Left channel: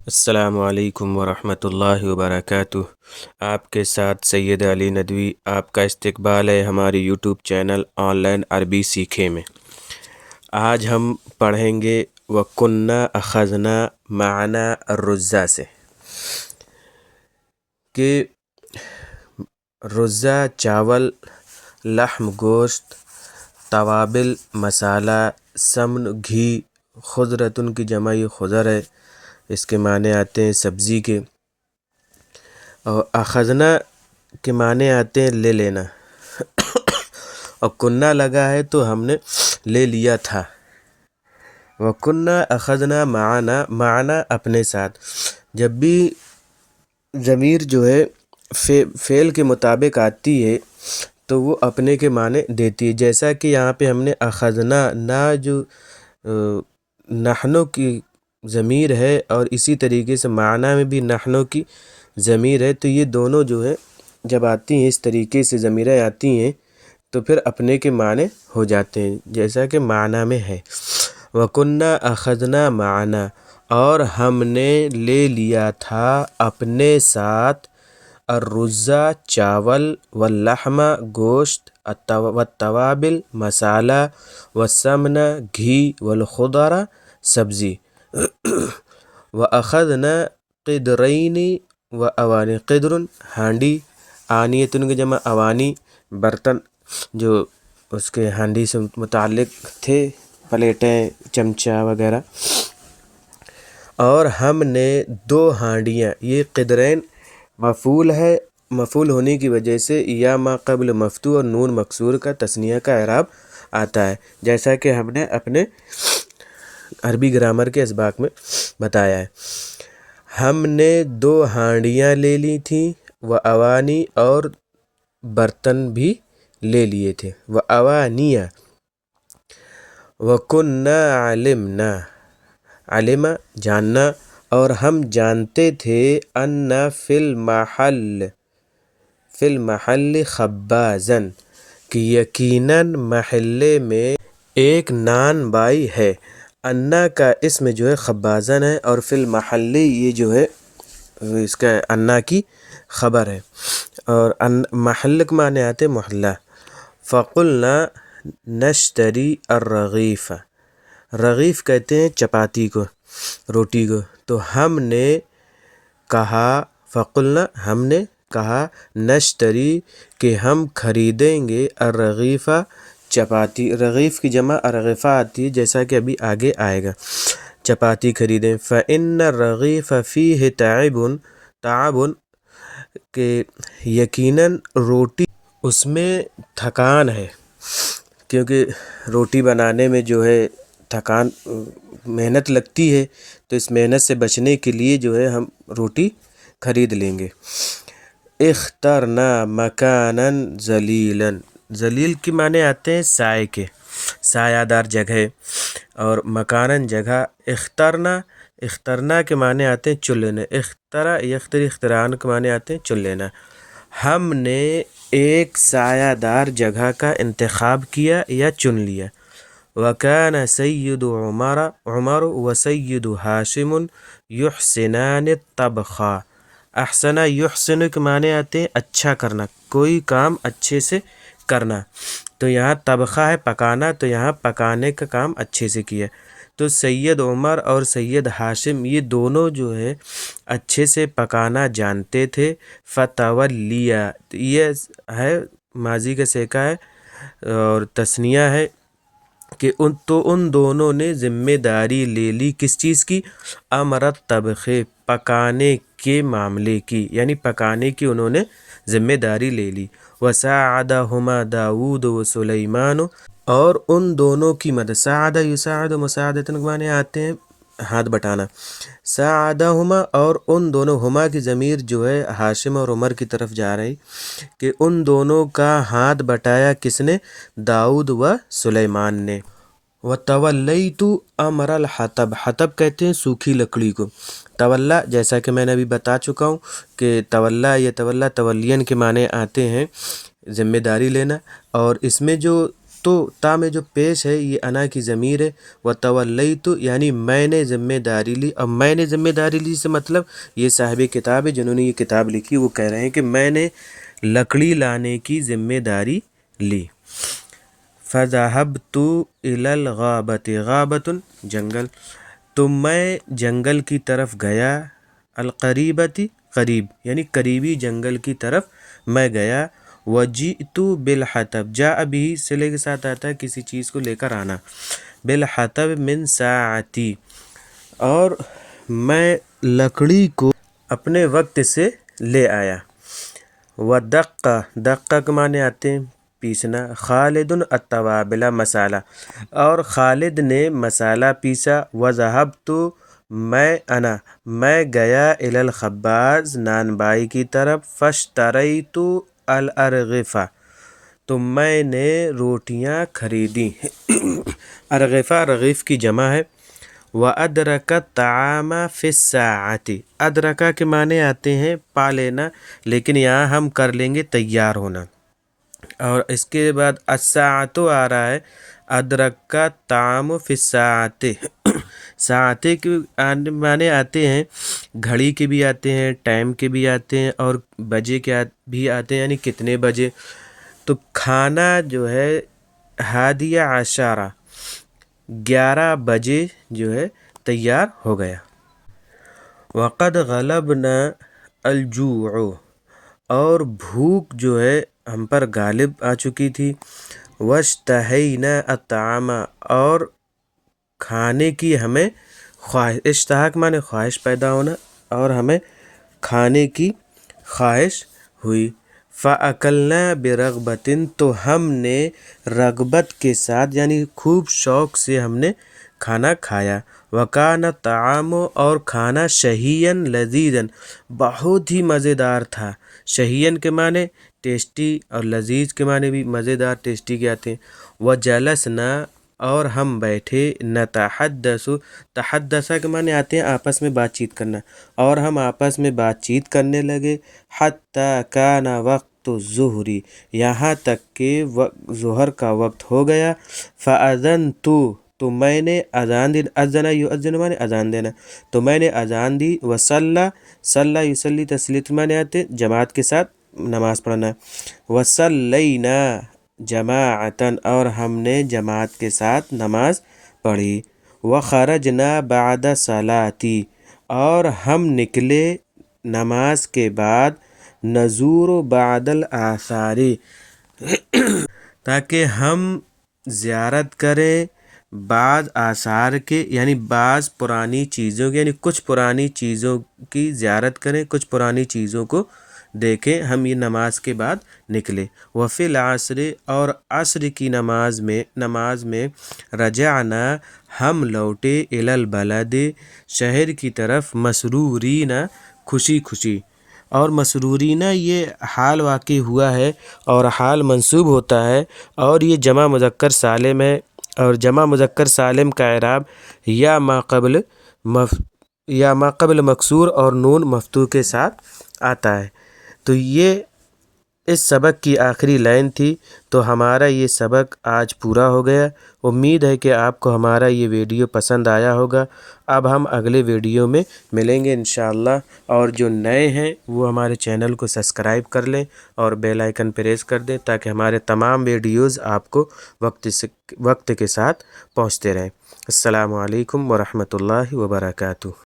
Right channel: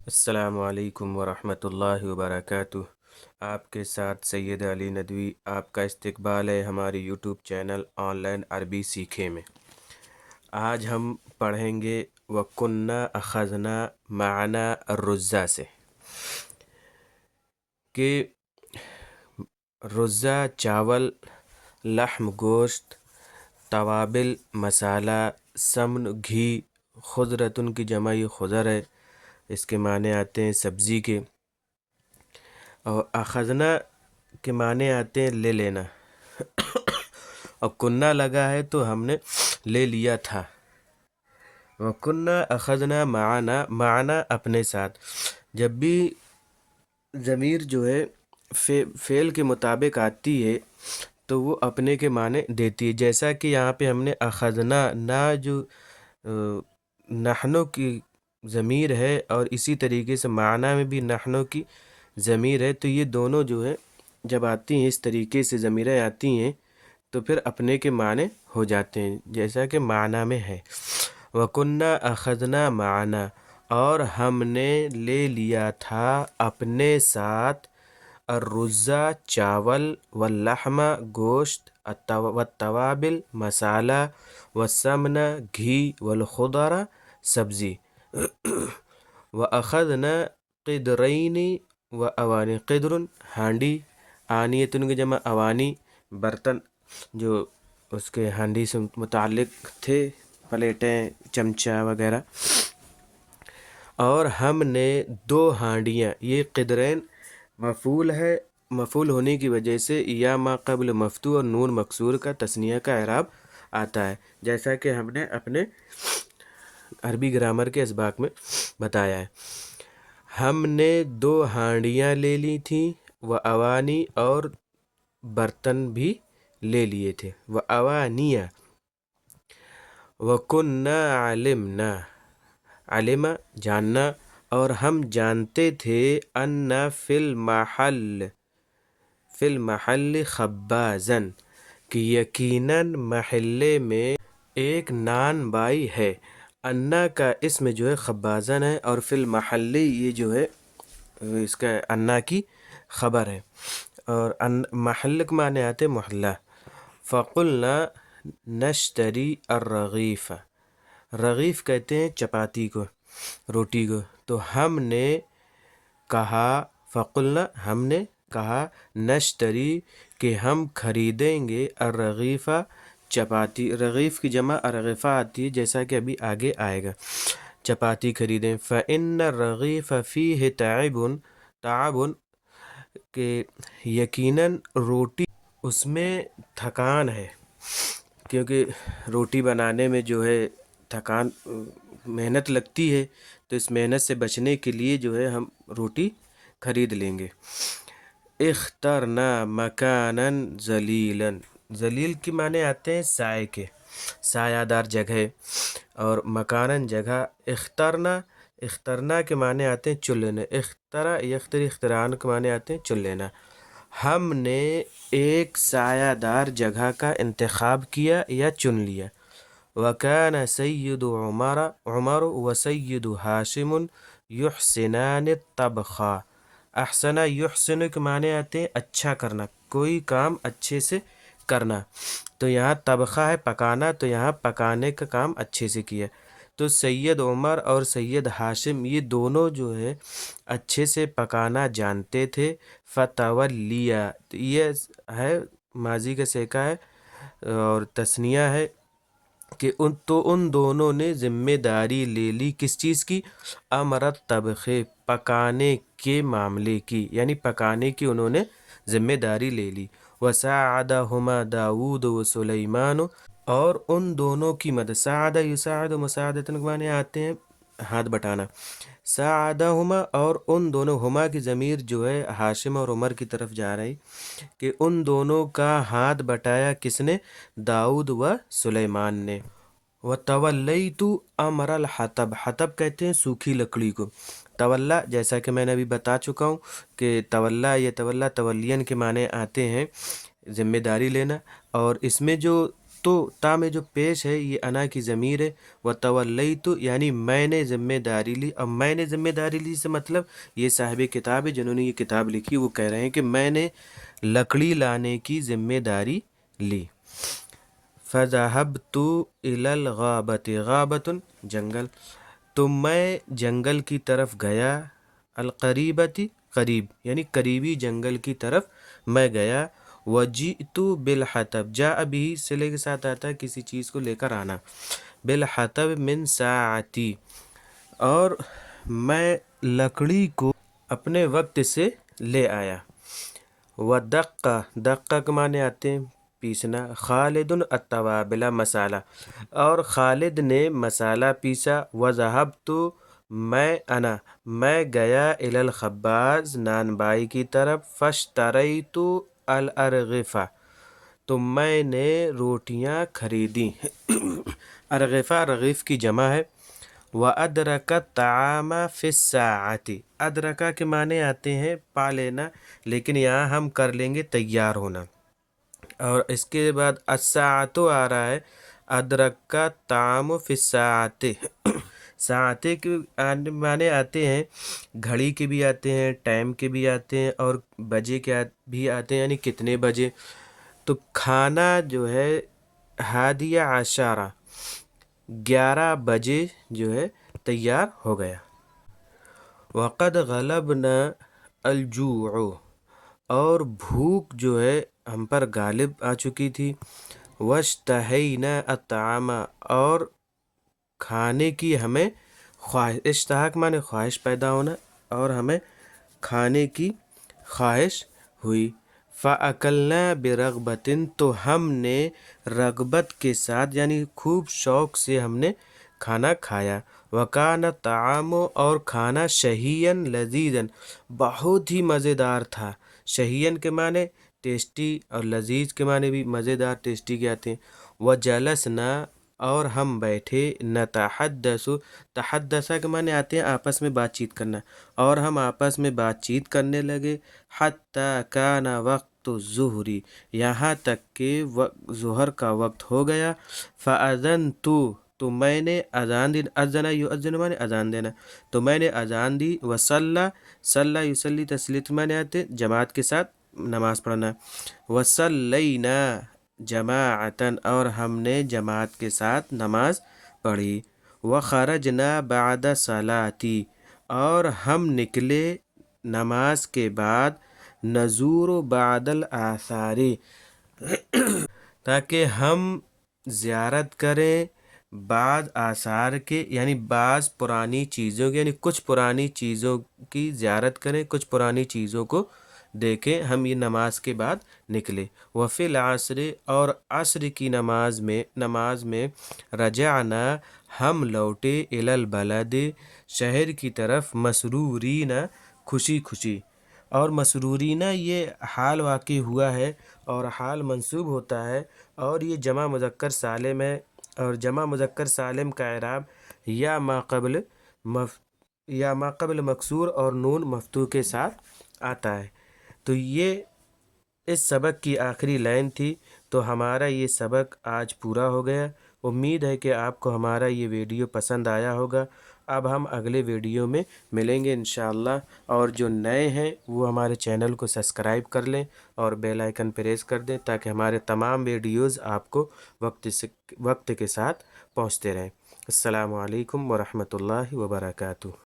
السلام علیکم ورحمۃ اللہ وبرکاتہ۔ آپ کے ساتھ سید علی ندوی آپ کا استقبال ہے ہماری یوٹیوب چینل آن لائن عربی سیکھے میں۔ آج ہم پڑھیں گے وَكُنَّا أَخَذْنَا مَعَنَا الرُّزَّا سے کہ رزہ چاول، لحم گوشت، توابل مسالہ، سمن گھی، خضرتن کی جمع خضر ہے، اس کے معنی آتے ہیں سبزی کے، اور اخذنا کے معنی آتے ہیں لے لینا، اور کنّا لگا ہے تو ہم نے لے لیا تھا۔ وَكُنَّا أَخَذْنَا مَعَنَا، معنا اپنے ساتھ، جب بھی ضمیر جو ہے فعل کے مطابق آتی ہے تو وہ اپنے کے معنی دیتی ہے، جیسا کہ یہاں پہ ہم نے اخذنا نا جو نحنو کی ضمیر ہے، اور اسی طریقے سے معنی میں بھی نحنو کی ضمیر ہے، تو یہ دونوں جو ہے جب آتی ہیں اس طریقے سے ضمیریں آتی ہیں تو پھر اپنے کے معنی ہو جاتے ہیں، جیسا کہ معنی میں ہے۔ وَكُنَّا أَخَذْنَا مَعَنَا، اور ہم نے لے لیا تھا اپنے ساتھ، الرُّزَّا چاول، واللحم گوشت، والتوابل مسالہ، والسمن گھی، والخضر سبزی، وَأَخَذْنَا قِدْرَيْنِ وَأَوَانِ، قدر ہانڈی، آنیتن کے جمع اوانی برتن جو اس کے ہانڈی سے متعلق تھے، پلیٹیں چمچہ وغیرہ، اور ہم نے 2 ہانڈیاں، یہ قدرین مفعول ہے، مفعول ہونے کی وجہ سے یا ما قبل مفتوح اور نون مکسور کا تثنیہ کا اعراب آتا ہے، جیسا کہ ہم نے اپنے عربی گرامر کے اسباق میں بتایا ہے۔ ہم نے 2 ہانڈیاں لے لی تھیں، اوانی، اور برتن بھی لے لیے تھے، اوانیہ، وَكُنَّا عَلِمْنَا، علم جاننا، اور ہم جانتے تھے، ان فی المحل خبازن، کہ یقیناً محلے میں ایک نان بائی ہے۔ انا کا اسم جو ہے خبازن ہے، اور فی المحل یہ جو ہے اس کا انا کی خبر ہے، اور محل کے معنی آتے محلہ۔ فقلنا نشتری الرغیف، رغیف کہتے ہیں چپاتی کو، روٹی کو، تو ہم نے کہا، فقلنا ہم نے کہا، نشتری کہ ہم خریدیں گے، الرغیف چپاتی، رغیف کی جمع ارغفہ آتی ہے، جیسا کہ ابھی آگے آئے گا، چپاتی خریدیں۔ فإن الرغیف فیہ تعب، کہ یقیناً روٹی اس میں تھکان ہے، کیونکہ روٹی بنانے میں جو ہے تھکان محنت لگتی ہے، تو اس محنت سے بچنے کے لیے جو ہے ہم روٹی خرید لیں گے۔ اخترنا مکانا ذلیلا، ذلیل کے معنی آتے ہیں سائے کے، سایہ دار جگہ، اور مکاناً جگہ۔ اخترنا کے معنی آتے ہیں چن لینا، اخترا یختری اختران کے معنی آتے ہیں چن لینا۔ ہم نے ایک سایہ دار جگہ کا انتخاب کیا یا چن لیا۔ وَكَانَ سَيِّدُ عمر وَسَيِّدُ ہاشم يحسنان الطبخ، احسن یحسن کے معنی آتے ہیں اچھا کرنا، کوئی کام اچھے سے کرنا، تو یہاں طبخہ ہے پکانا، تو یہاں پکانے کا کام اچھے سے کیا، تو سید عمر اور سید ہاشم یہ دونوں جو ہے اچھے سے پکانا جانتے تھے۔ فتولیہ، یہ ہے ماضی کا سیکا ہے اور تثنیہ ہے، کہ ان دونوں نے ذمہ داری لے لی کس چیز کی؟ امرت طبخ، پکانے کے معاملے کی، یعنی پکانے کی انہوں نے ذمہ داری لے لی۔ وساعدہما داود و سلیمان، اور ان دونوں کی مدد، ساعد یساعد مساعدتن کے معنی آتے ہیں ہاتھ بٹانا، ساعدہما، اور ان دونوں، ہما کی ضمیر جو ہے ہاشم اور عمر کی طرف جا رہی، کہ ان دونوں کا ہاتھ بٹایا کس نے؟ داؤد و سلیمان نے۔ وَتَوَلَّيْتُ أَمْرَ الْحَطَبِ، حطب کہتے ہیں سوکھی لکڑی کو، تولا جیسا کہ میں نے ابھی بتا چکا ہوں کہ تولا، یہ تولا تولین کے معنی آتے ہیں ذمہ داری لینا، اور اس میں جو تو تا میں جو پیش ہے یہ انا کی ضمیر ہے، وتولیت یعنی میں نے ذمہ داری لی. اب میں نے ذمہ داری لی سے مطلب یہ صاحب کتاب ہے جنہوں نے یہ کتاب لکھی، وہ کہہ رہے ہیں کہ میں نے لکڑی لانے کی ذمہ داری لی. فذهبت الى الغابة، غابة جنگل، تو میں جنگل کی طرف گیا، القریبتی قریب یعنی قریبی جنگل کی طرف میں گیا. وجئت بالحطب، جاء بھی صلے کے ساتھ آتا ہے کسی چیز کو لے کر آنا، بالحطب من ساعتی، اور میں لکڑی کو اپنے وقت سے لے آیا. ودقہ، دقہ کے معنی آتے ہیں پیسنا. خالد التوابل، مسالہ، اور خالد نے مسالہ پیسا. وذهبت، میں گیا الی الخباز، نان بائی کی طرف. فاشتریت الارغفہ، تو میں نے روٹیاں خریدیں. ارغفہ رغیف کی جمع ہے. وَأَدْرَكَ الطَّعَامَ فِي السَّاعَةِ، ادرکا کے معنی آتے ہیں پا لینا، لیکن یہاں ہم کر لیں گے تیار ہونا. اور اس کے بعد الساعۃ آ رہا ہے، ادرکا الطعام فی الساعۃ. ساعتے کے معنی آتے ہیں گھڑی کے بھی آتے ہیں، ٹائم کے بھی آتے ہیں، اور بجے کے بھی آتے ہیں یعنی کتنے بجے. تو کھانا جو ہے 11:10، 11 بجے جو ہے تیار ہو گیا. وقد غلبنا الجوع، اور بھوک جو ہے ہم پر غالب آ چکی تھی. واشتہینا الطعام، اور کھانے کی ہمیں خواہش، اشتہاق مانے خواہش پیدا ہونا، اور ہمیں کھانے کی خواہش ہوئی. فَأَكَلْنَا بِرَغْبَةٍ، تو ہم نے رغبت کے ساتھ یعنی خوب شوق سے ہم نے کھانا کھایا. وَكَانَ الطَّعَامُ، اور کھانا شہیًا لذیذًا، بہت ہی مزیدار تھا. شہیًا کے معنی ٹیسٹی، اور لذیذ کے معنی بھی مزیدار ٹیسٹی کے آتے ہیں. وَجَلَسْنَا، اور ہم بیٹھے. نتحدث، تحدث کے معنی آتے ہیں آپس میں بات چیت کرنا، اور ہم آپس میں بات چیت کرنے لگے. حتی کان وقت الظہر، یہاں تک کہ ظہر کا وقت ہو گیا. فأذنت، تو میں نے اذان دی. اذن یؤذن معنی اذان دینا، تو میں نے اذان دی. وصلی، صلی یصلی تسلیت معنی آتے جماعت کے ساتھ نماز پڑھنا. وصلینا جماعتاً، اور ہم نے جماعت کے ساتھ نماز پڑھی. وخرجنا بعد صلاتی، اور ہم نکلے نماز کے بعد. نزور بعد الآثار، تاکہ ہم زیارت کریں بعض آثار کے، یعنی بعض پرانی چیزوں کی، یعنی کچھ پرانی چیزوں کی زیارت کریں، کچھ پرانی چیزوں کو دیکھیں. ہم یہ نماز کے بعد نکلے. وفی العصر، اور عصر کی نماز میں رجعنا، ہم لوٹے. الی البلد، شہر کی طرف. مسرورین، خوشی خوشی. اور مسرورین یہ حال واقع ہوا ہے، اور حال منصوب ہوتا ہے، اور یہ جمع مذکر سالم ہے. اور جمع مذکر سالم کا اعراب یا ما قبل مکسور اور نون مفتوح کے ساتھ آتا ہے. تو یہ اس سبق کی آخری لائن تھی. تو ہمارا یہ سبق آج پورا ہو گیا. امید ہے کہ آپ کو ہمارا یہ ویڈیو پسند آیا ہوگا. اب ہم اگلے ویڈیو میں ملیں گے انشاءاللہ. اور جو نئے ہیں وہ ہمارے چینل کو سبسکرائب کر لیں اور بیل آئیکن پریس کر دیں، تاکہ ہمارے تمام ویڈیوز آپ کو وقت کے ساتھ پہنچتے رہیں. السلام علیکم ورحمۃ اللہ وبرکاتہ.